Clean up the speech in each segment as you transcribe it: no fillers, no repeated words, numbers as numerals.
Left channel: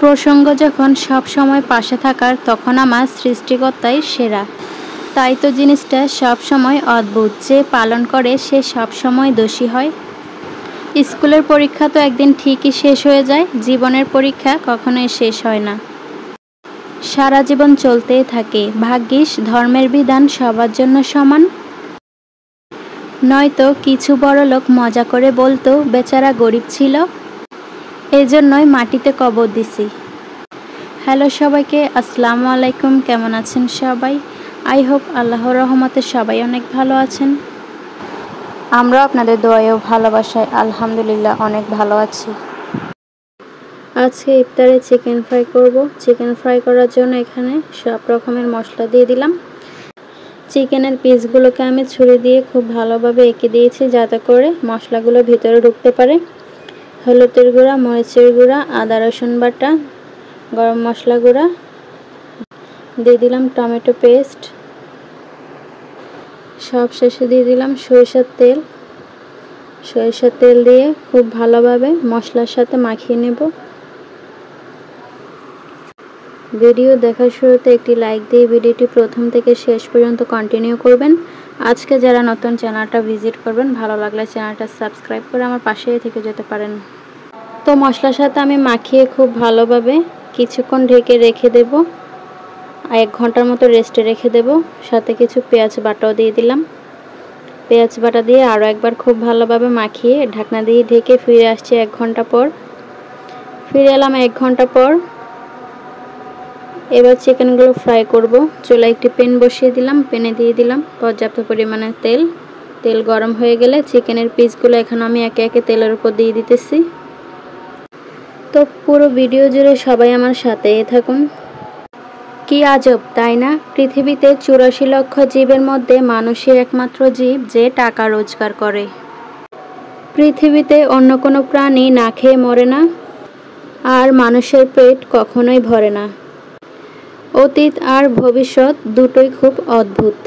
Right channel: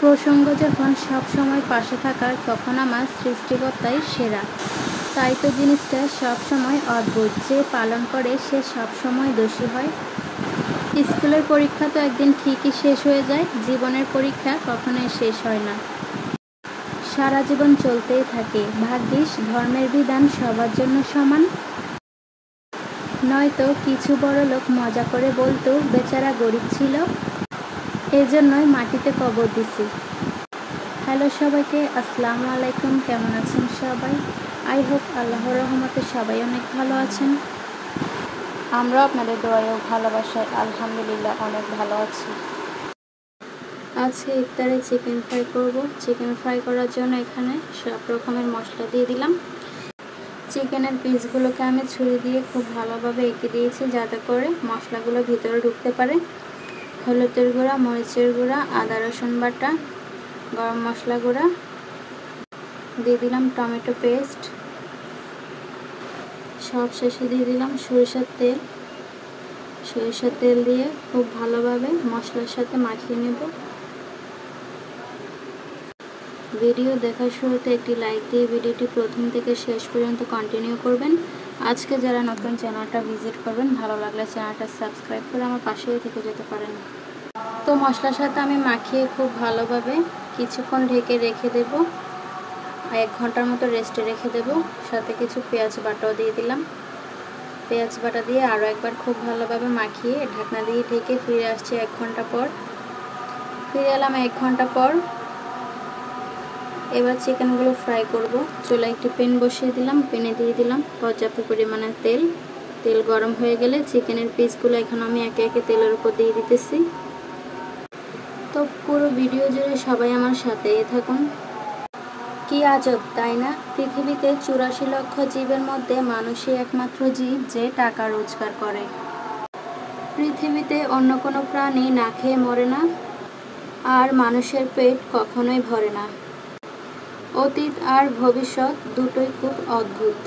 প্রসঙ্গ যখন সব সময় পাশে থাকার, তখন আমার সৃষ্টিকর্তাই সেরা। তাই তো জিনিসটা সব সময় অদ্ভুত, যে পালন করে সে সব সময় দোষী হয়। স্কুলের পরীক্ষা তো একদিন ঠিকই শেষ হয়ে যায়, জীবনের পরীক্ষা কখনোই শেষ হয় না। সারা জীবন চলতেই থাকে। ভাগ্যিস ধর্মের বিধান সবার জন্য সমান। নয়তো কিছু বড়লোক মজা করে বলতো বেচারা গরিব ছিল, এজন্যই মাটিতে কবর দিছি। হ্যালো সবাইকে, আসসালামু আলাইকুম। কেমন আছেন সবাই? আই হোপ আল্লাহর রহমতে সবাই অনেক ভালো আছেন। আমরা আপনাদের দোয়ায় ও ভালোবাসায় আলহামদুলিল্লাহ অনেক ভালো আছি। আজকে ইফতারে চিকেন ফ্রাই করব। চিকেন ফ্রাই করার জন্য এখানে সব রকমের মশলা দিয়ে দিলাম। চিকেনের পিসগুলোকে আমি ছুরি দিয়ে খুব ভালোভাবে এঁকে দিয়েছি, যাতে করে মশলাগুলো ভিতরে ঢুকতে পারে। হলুদের গুঁড়া, মরিচের গুঁড়া, আদা রসুন বাটা, গরম মশলা গুঁড়া দিয়ে দিলাম, টমেটো পেস্ট, সব শেষে দিয়ে দিলাম সরিষার তেল। সরিষার তেল দিয়ে খুব ভালোভাবে মশলার সাথে মাখিয়ে নেব। ভিডিও দেখার শুরুতে একটি লাইক দিয়ে ভিডিওটি প্রথম থেকে শেষ পর্যন্ত কন্টিনিউ করবেন। আজকে যারা নতুন চ্যানেলটা ভিজিট করবেন, ভালো লাগলে চ্যানেলটা সাবস্ক্রাইব করে আমার পাশেই থেকে যেতে পারেন। তো মশলার সাথে আমি মাখিয়ে খুব ভালোভাবে কিছুক্ষণ ঢেকে রেখে দেব। 1 ঘন্টার মতো রেস্টে রেখে দেব। সাথে কিছু পেঁয়াজ বাটাও দিয়ে দিলাম। পেঁয়াজ বাটা দিয়ে আরও একবার খুব ভালোভাবে মাখিয়ে ঢাকনা দিয়ে ঢেকে ফিরে আসছি 1 ঘন্টা পর। ফিরে এলাম 1 ঘন্টা পর। এবার চিকেনগুলো ফ্রাই করব। চুলায় একটি প্যান বসিয়ে দিলাম। প্যানে দিয়ে দিলাম পর্যাপ্ত পরিমাণে তেল। তেল গরম হয়ে গেলে চিকেনের পিসগুলো এখন আমি একে একে তেলের উপর দিয়ে দিতেছি। তো পুরো ভিডিও জুড়ে সবাই আমার সাথেই থাকুন। কি আজব তাই না? পৃথিবীতে 84 লক্ষ জীবের মধ্যে মানুষই একমাত্র জীব যে টাকা রোজগার করে। পৃথিবীতে অন্য কোনো প্রাণী না খেয়ে মরে না, আর মানুষের পেট কখনোই ভরে না। অতীত আর ভবিষ্যৎ দুটোই খুব অদ্ভুত।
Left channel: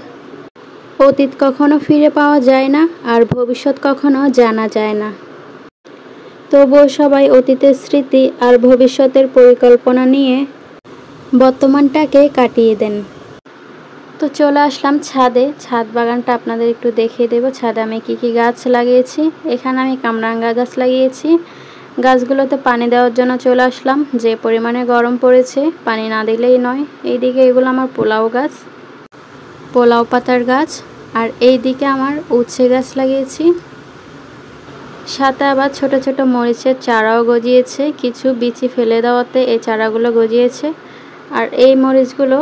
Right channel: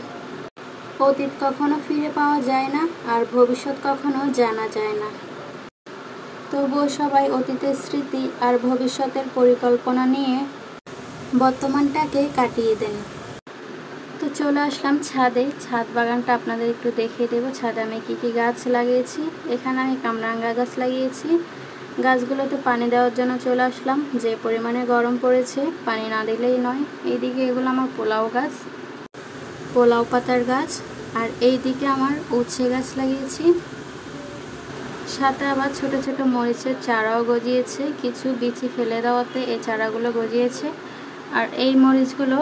অতীত কখনো ফিরে পাওয়া যায় না, আর ভবিষ্যৎ কখনো জানা যায় না। তবুও সবাই অতীতের স্মৃতি আর ভবিষ্যতের পরিকল্পনা নিয়ে বর্তমানটাকে কাটিয়ে দেন। তো চলে আসলাম ছাদে। ছাদ বাগানটা আপনাদের একটু দেখিয়ে দেব। ছাদে আমি কি গাছ লাগিয়েছি। এখানে আমি কামরাঙ্গা গাছ লাগিয়েছি। গাছগুলোতে পানি দেওয়ার জন্য চলে আসলাম। যে পরিমাণে গরম পড়েছে, পানি না দিলেই নয়। এইদিকে এগুলো আমার পোলাও গাছ, পোলাও পাতার গাছ। আর এইদিকে আমার উচ্ছে গাছ লাগিয়েছি। সাথে আবার ছোট ছোট মরিচের চারাও গজিয়েছে। কিছু বিচি ফেলে দেওয়াতে এই চারাগুলো গজিয়েছে। আর এই মরিচগুলো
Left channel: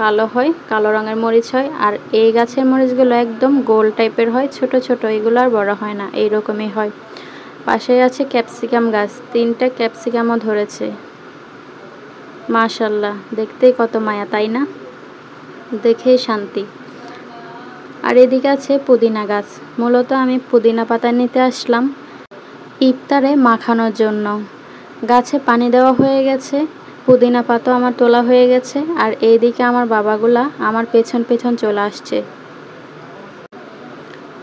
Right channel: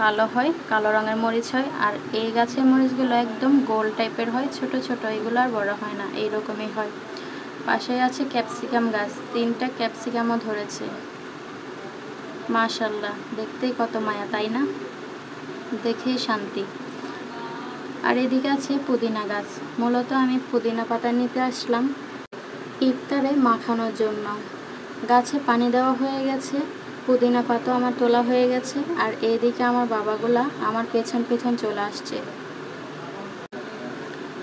কালো হয়, কালো রঙের মরিচ হয়। আর এই গাছের মরিচগুলো একদম গোল টাইপের হয়, ছোট ছোট, এগুলো আর বড় হয় না, এইরকমই হয়। পাশে আছে ক্যাপসিকাম গাছ। 3টা ক্যাপসিকামও ধরেছে। মাশাআল্লাহ, দেখতেই কত মায়া, তাই না? দেখেই শান্তি। আর এদিকে আছে পুদিনা গাছ। মূলত আমি পুদিনা পাতা নিতে আসলাম ইফতারে মাখানোর জন্য। গাছে পানি দেওয়া হয়ে গেছে, পুদিনা পাতা আমার তোলা হয়ে গেছে। আর এইদিকে আমার বাবাগুলা আমার পেছন পেছন চলে আসছে।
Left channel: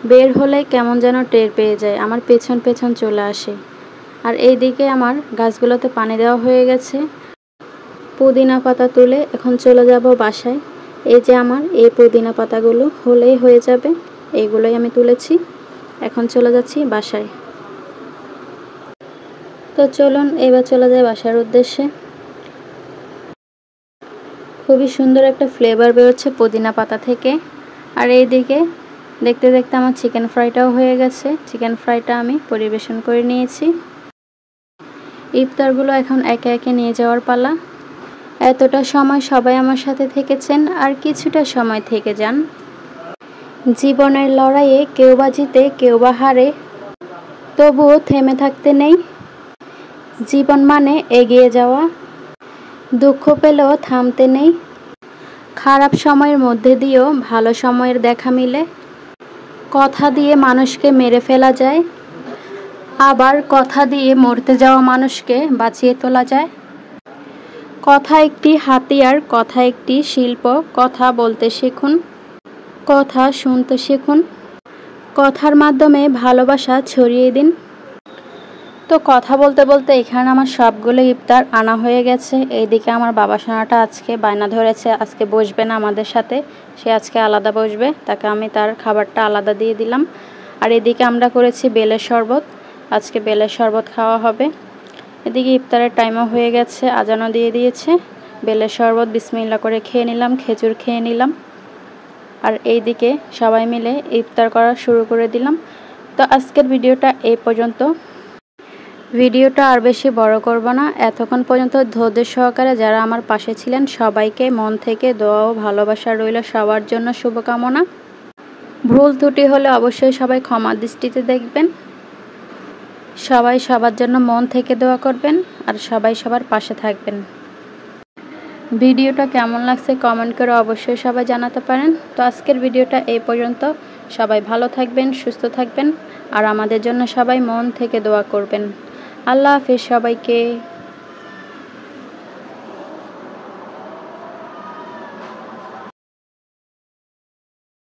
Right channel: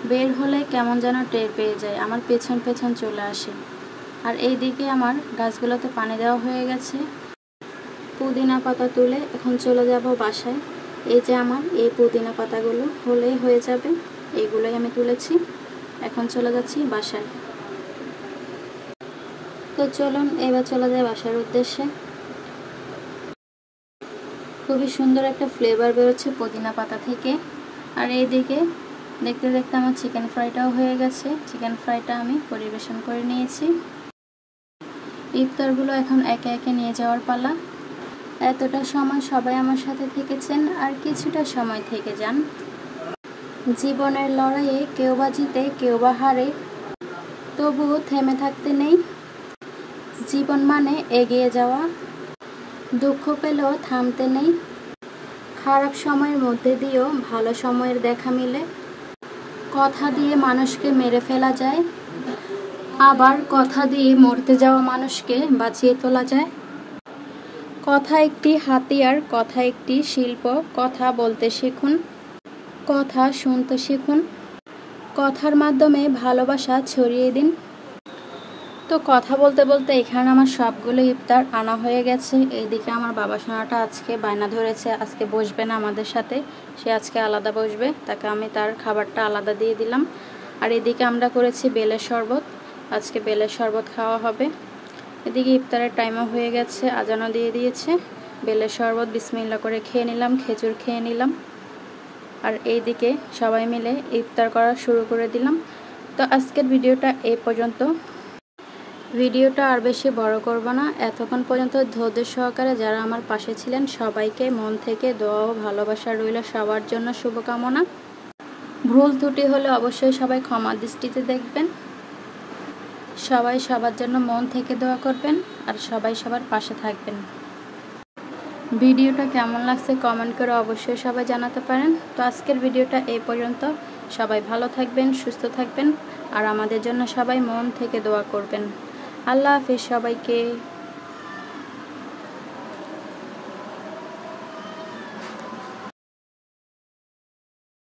বের হলে কেমন যেন টের পেয়ে যায়, আমার পেছন পেছন চলে আসে। আর এইদিকে আমার গাছগুলোতে পানি দেওয়া হয়ে গেছে। পুদিনা পাতা তুলে এখন চলে যাব বাসায়। এই যে আমার এই পুদিনা পাতাগুলো হলেই হয়ে যাবে। এইগুলোই আমি তুলেছি, এখন চলে যাচ্ছি বাসায়। তো চলুন এবার চলে যায় বাসার উদ্দেশ্যে। খুবই সুন্দর একটা ফ্লেভার বেরোচ্ছে পুদিনা পাতা থেকে। আর এইদিকে দেখতে দেখতে আমার চিকেন ফ্রাইটাও হয়ে গেছে। চিকেন ফ্রাইটা আমি পরিবেশন করে নিয়েছি। ইফতারগুলো এখন একে একে নিয়ে যাওয়ার পালা। এতটা সময় সবাই আমার সাথে থেকেছেন, আর কিছুটা সময় থেকে যান। জীবনের লড়াইয়ে কেউ বা জিতে কেউ বা হারে, তবুও থেমে থাকতে নেই। জীবন মানে এগিয়ে যাওয়া, দুঃখ পেলেও থামতে নেই। খারাপ সময়ের মধ্যে দিয়েও ভালো সময়ের দেখা মিলে। কথা দিয়ে মানুষকে মেরে ফেলা যায়, আবার কথা দিয়ে মরতে যাওয়া মানুষকে বাঁচিয়ে তোলা যায়। কথা একটি হাতিয়ার, কথা একটি শিল্প। কথা বলতে শিখুন, কথা শুনতে শিখুন। কথার মাধ্যমে ভালোবাসা ছড়িয়ে দিন। তো কথা বলতে বলতে এখানে আমার সবগুলো ইফতার আনা হয়ে গেছে। এইদিকে আমার বাবা সোনাটা আজকে বায়না ধরেছে, আজকে বসবে না আমাদের সাথে, সে আজকে আলাদা বসবে। তাকে আমি তার খাবারটা আলাদা দিয়ে দিলাম। আর এদিকে আমরা করেছি বেলের শরবত, আজকে বেলের শরবত খাওয়া হবে। এদিকে ইফতারের টাইমও হয়ে গেছে, আজানও দিয়ে দিয়েছে। বেলের শরবত বিসমিল্লাহ করে খেয়ে নিলাম, খেজুর খেয়ে নিলাম। আর এইদিকে সবাই মিলে ইফতার করা শুরু করে দিলাম। তো আজকের ভিডিওটা এই পর্যন্ত। ভিডিওটা আর বেশি বড় করব না। এতক্ষণ পর্যন্ত ধৈর্য সহকারে যারা আমার পাশে ছিলেন সবাইকে মন থেকে দোয়া ও ভালোবাসা রইল, সবার জন্য শুভকামনা। ভুল ত্রুটি হলে অবশ্যই সবাই ক্ষমা দৃষ্টিতে দেখবেন। সবাই সবার জন্য মন থেকে দোয়া করবেন আর সবাই সবার পাশে থাকবেন। ভিডিওটা কেমন লাগছে কমেন্ট করে অবশ্যই সবাই জানাতে পারেন। তো আজকের ভিডিওটা এই পর্যন্ত। সবাই ভালো থাকবেন, সুস্থ থাকবেন আর আমাদের জন্য সবাই মন থেকে দোয়া করবেন। আল্লাহ হাফেজ সবাইকে।